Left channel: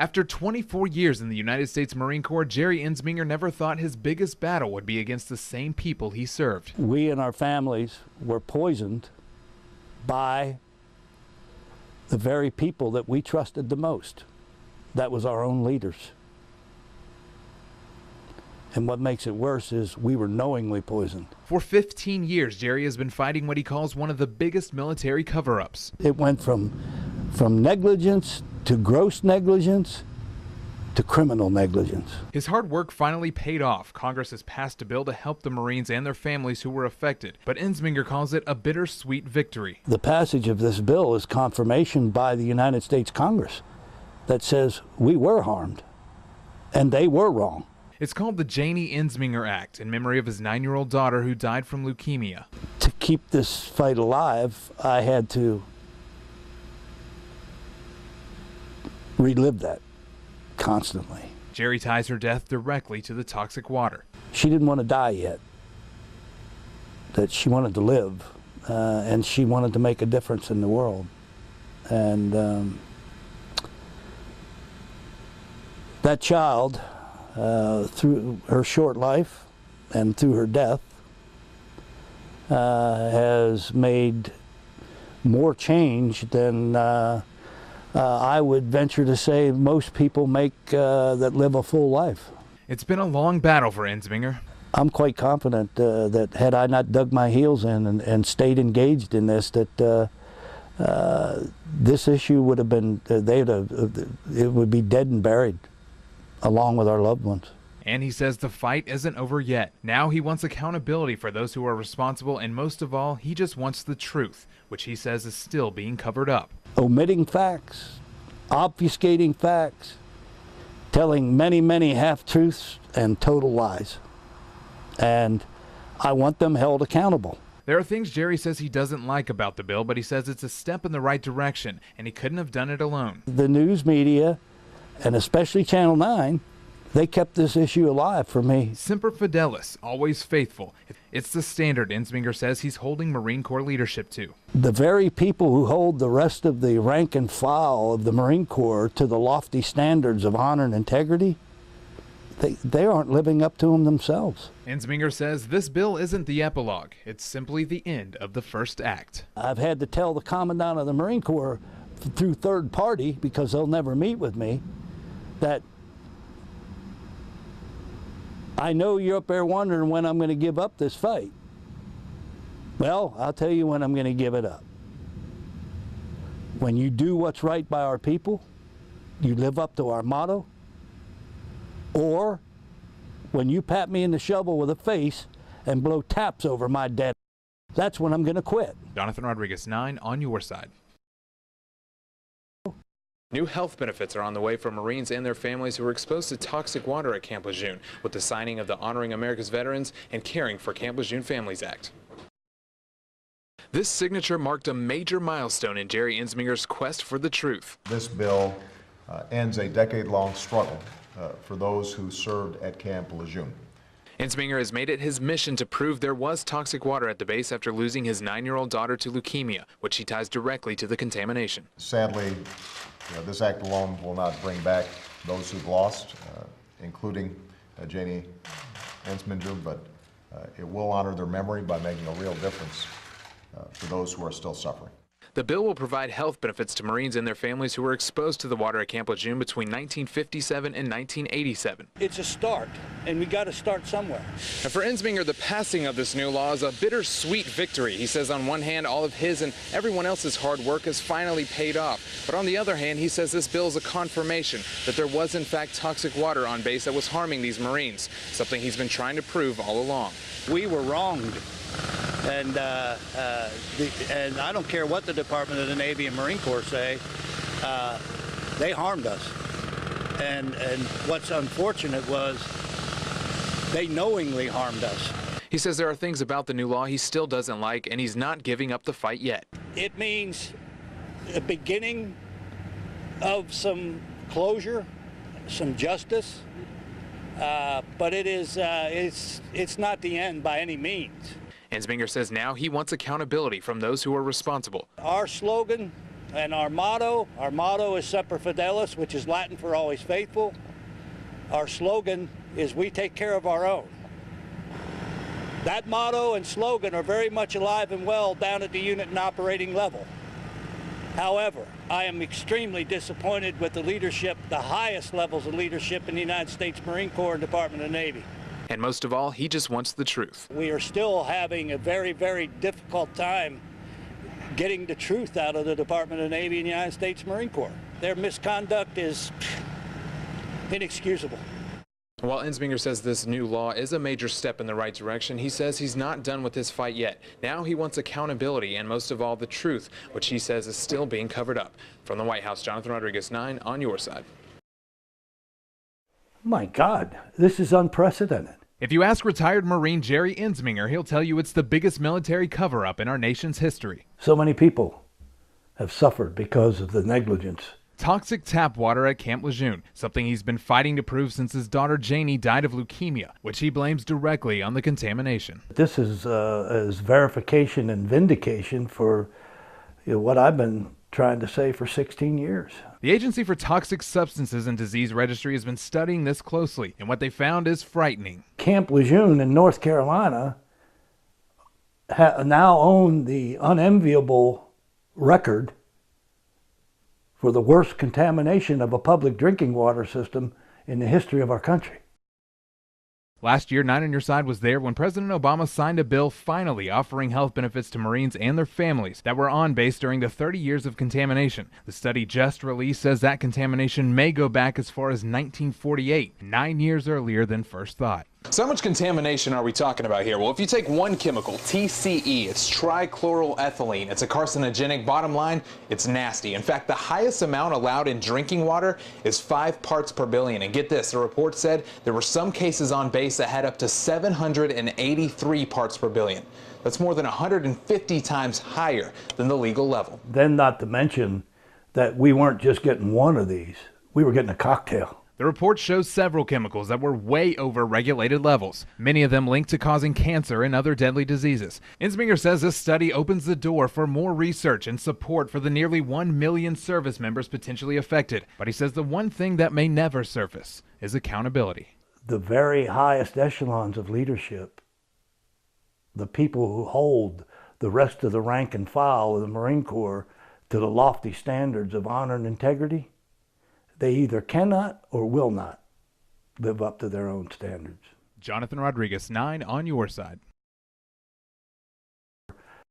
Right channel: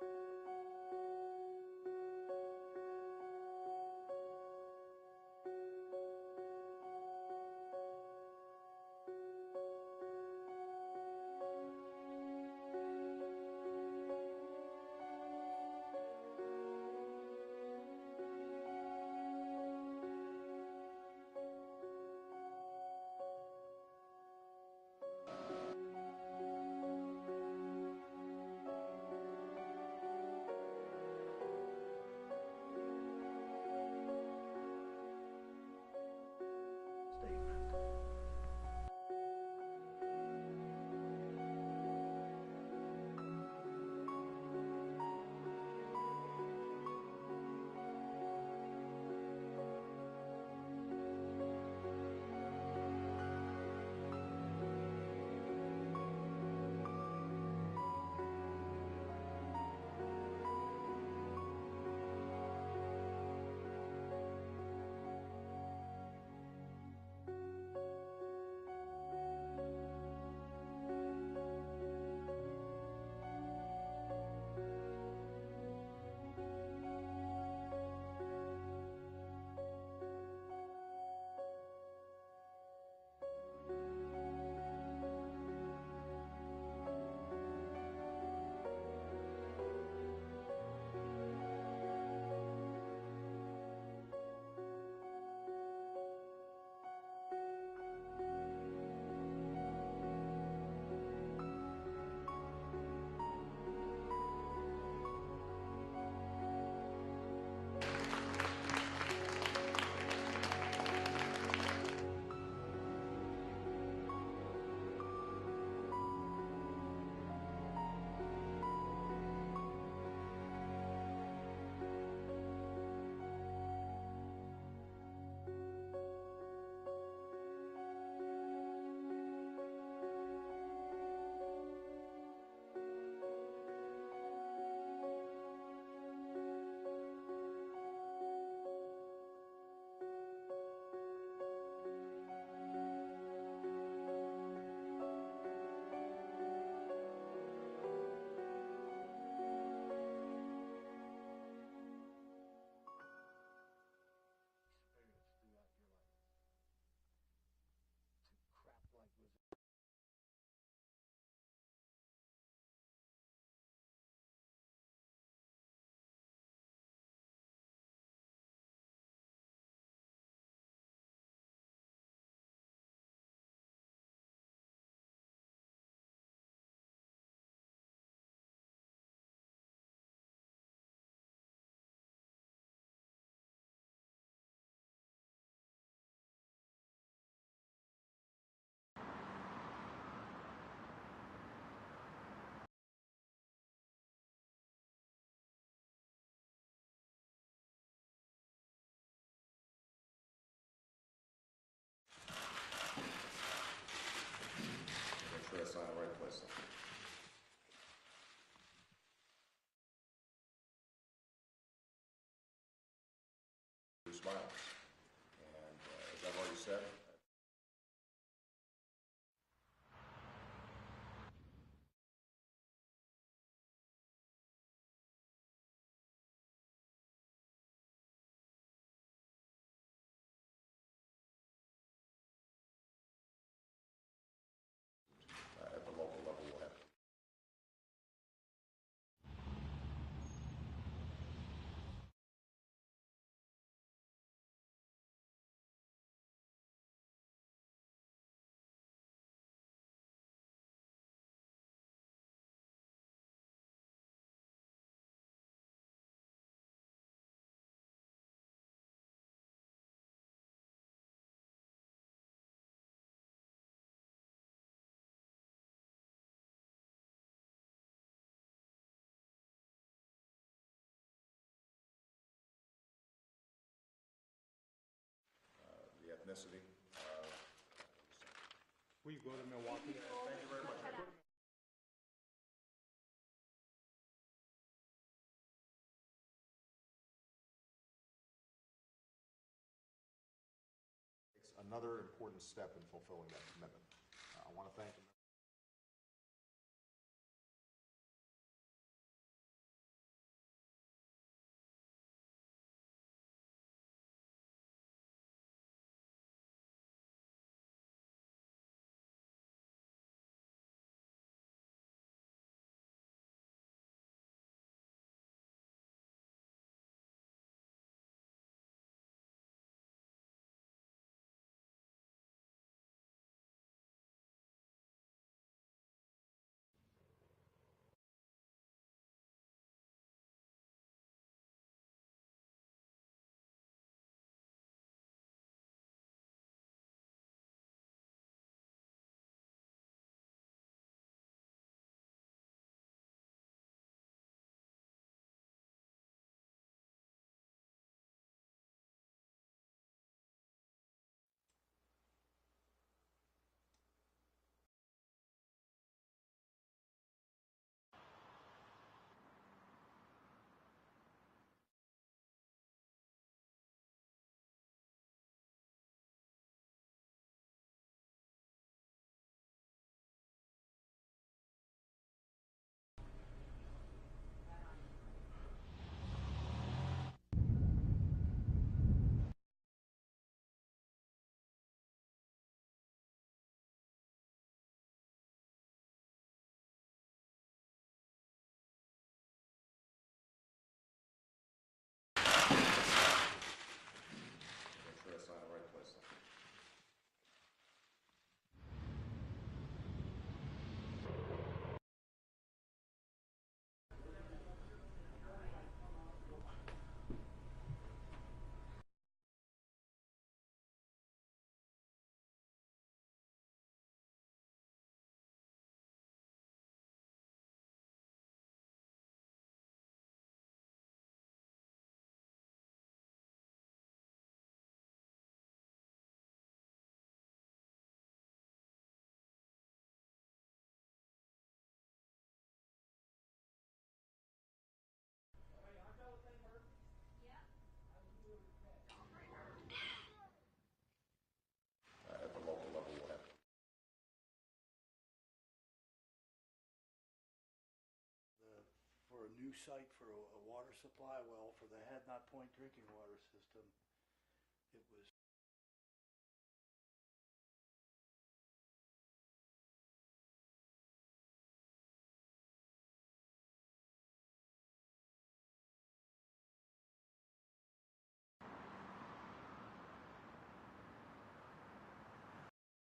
After 24 years in the United States Marine Corps, Jerry Ensminger never thought his biggest battle would be against the same people he served. We and our families were poisoned by the very people that we trusted the most. That was our own leaders. And what makes it worse is we were knowingly poisoned. For 15 years, Jerry has been fighting what he calls one of the biggest military cover-ups. It went from negligence to gross negligence to criminal negligence. His hard work finally paid off. Congress has passed a bill to help the Marines and their families who were affected, but Ensminger calls it a bittersweet victory. The passage of this bill is confirmation by the United States Congress that says we were harmed and they were wrong. It's called the Janie Ensminger Act in memory of his 9-year-old daughter who died from leukemia. To keep this fight alive, I had to relive that constantly. Jerry ties her death directly to the toxic water. She didn't want to die yet, that she wanted to live, and she wanted to make a difference in the world. And that child, through her short life and through her death, has made more change than I would venture to say most people make that live a full life. It's been a long battle for Ensminger. I'm quite confident that had I not dug my heels in and stayed engaged in this, that this issue would have been, it would be dead and buried along with our loved ones. And he says the fight isn't over yet. Now he wants accountability for those who are responsible, and most of all, he just wants the truth, which he says is still being covered up. Omitting facts, obfuscating facts, telling many, many half-truths and total lies. And I want them held accountable. There are things Jerry says he doesn't like about the bill, but he says it's a step in the right direction, and he couldn't have done it alone. The news media, and especially Channel 9, they kept this issue alive for me. Semper Fidelis, always faithful. It's the standard Ensminger says he's holding Marine Corps leadership to. The very people who hold the rest of the rank and file of the Marine Corps to the lofty standards of honor and integrity, they aren't living up to them themselves. Ensminger says this bill isn't the epilogue. It's simply the end of the first act. I've had to tell the Commandant of the Marine Corps through third party, because they'll never meet with me, that I know you're up there wondering when I'm going to give up this fight. Well, I'll tell you when I'm going to give it up. When you do what's right by our people, you live up to our motto, or when you pat me in the shovel with a face and blow taps over my dead, that's when I'm going to quit. Jonathan Rodriguez, 9 on your side. New health benefits are on the way for Marines and their families who were exposed to toxic water at Camp Lejeune with the signing of the Honoring America's Veterans and Caring for Camp Lejeune Families Act. This signature marked a major milestone in Jerry Ensminger's quest for the truth. This bill ends a decade-long struggle for those who served at Camp Lejeune. Ensminger has made it his mission to prove there was toxic water at the base after losing his 9-year-old daughter to leukemia, which he ties directly to the contamination. Sadly, this act alone will not bring back those who've lost, including Janie Ensminger, but it will honor their memory by making a real difference for those who are still suffering. The bill will provide health benefits to Marines and their families who were exposed to the water at Camp Lejeune between 1957 and 1987. It's a start, and we got to start somewhere. And for Ensminger, the passing of this new law is a bittersweet victory. He says on one hand, all of his and everyone else's hard work has finally paid off. But on the other hand, he says this bill is a confirmation that there was in fact toxic water on base that was harming these Marines, something he's been trying to prove all along. We were wronged. And I don't care what the Department of the Navy and Marine Corps say, they harmed us. And what's unfortunate was they knowingly harmed us. He says there are things about the new law he still doesn't like, and he's not giving up the fight yet. It means the beginning of some closure, some justice, but it's not the end by any means. Ensminger says now he wants accountability from those who are responsible. Our slogan And our motto is Semper Fidelis, which is Latin for always faithful. Our slogan is we take care of our own. That motto and slogan are very much alive and well down at the unit and operating level. However, I am extremely disappointed with the leadership, the highest levels of leadership in the United States Marine Corps and Department of the Navy. And most of all, he just wants the truth. We are still having a very, very difficult time getting the truth out of the Department of the Navy and the United States Marine Corps. Their misconduct is inexcusable. While Ensminger says this new law is a major step in the right direction, he says he's not done with his fight yet. Now he wants accountability and most of all the truth, which he says is still being covered up. From the White House, Jonathan Rodriguez, 9 on your side. My God, this is unprecedented. If you ask retired Marine Jerry Ensminger, he'll tell you it's the biggest military cover-up in our nation's history. So many people have suffered because of the negligence. Toxic tap water at Camp Lejeune, something he's been fighting to prove since his daughter Janie died of leukemia, which he blames directly on the contamination. This is verification and vindication for what I've been trying to say for 16 years. The Agency for Toxic Substances and Disease Registry has been studying this closely, and what they found is frightening. Camp Lejeune in North Carolina now own the unenviable record for the worst contamination of a public drinking water system in the history of our country. Last year, 9 on your side was there when President Obama signed a bill finally offering health benefits to Marines and their families that were on base during the 30 years of contamination. The study just released says that contamination may go back as far as 1948, 9 years earlier than first thought. So how much contamination are we talking about here? Well, if you take one chemical, TCE, it's trichloroethylene. It's a carcinogenic. Bottom line, it's nasty. In fact, the highest amount allowed in drinking water is 5 parts per billion. And get this, the report said there were some cases on base that had up to 783 parts per billion. That's more than 150 times higher than the legal level. Then not to mention that we weren't just getting one of these, we were getting a cocktail. The report shows several chemicals that were way over regulated levels, many of them linked to causing cancer and other deadly diseases. Ensminger says this study opens the door for more research and support for the nearly 1 million service members potentially affected. But he says the one thing that may never surface is accountability. The very highest echelons of leadership, the people who hold the rest of the rank and file of the Marine Corps to the lofty standards of honor and integrity, they either cannot or will not live up to their own standards. Jonathan Rodriguez, 9 on your side.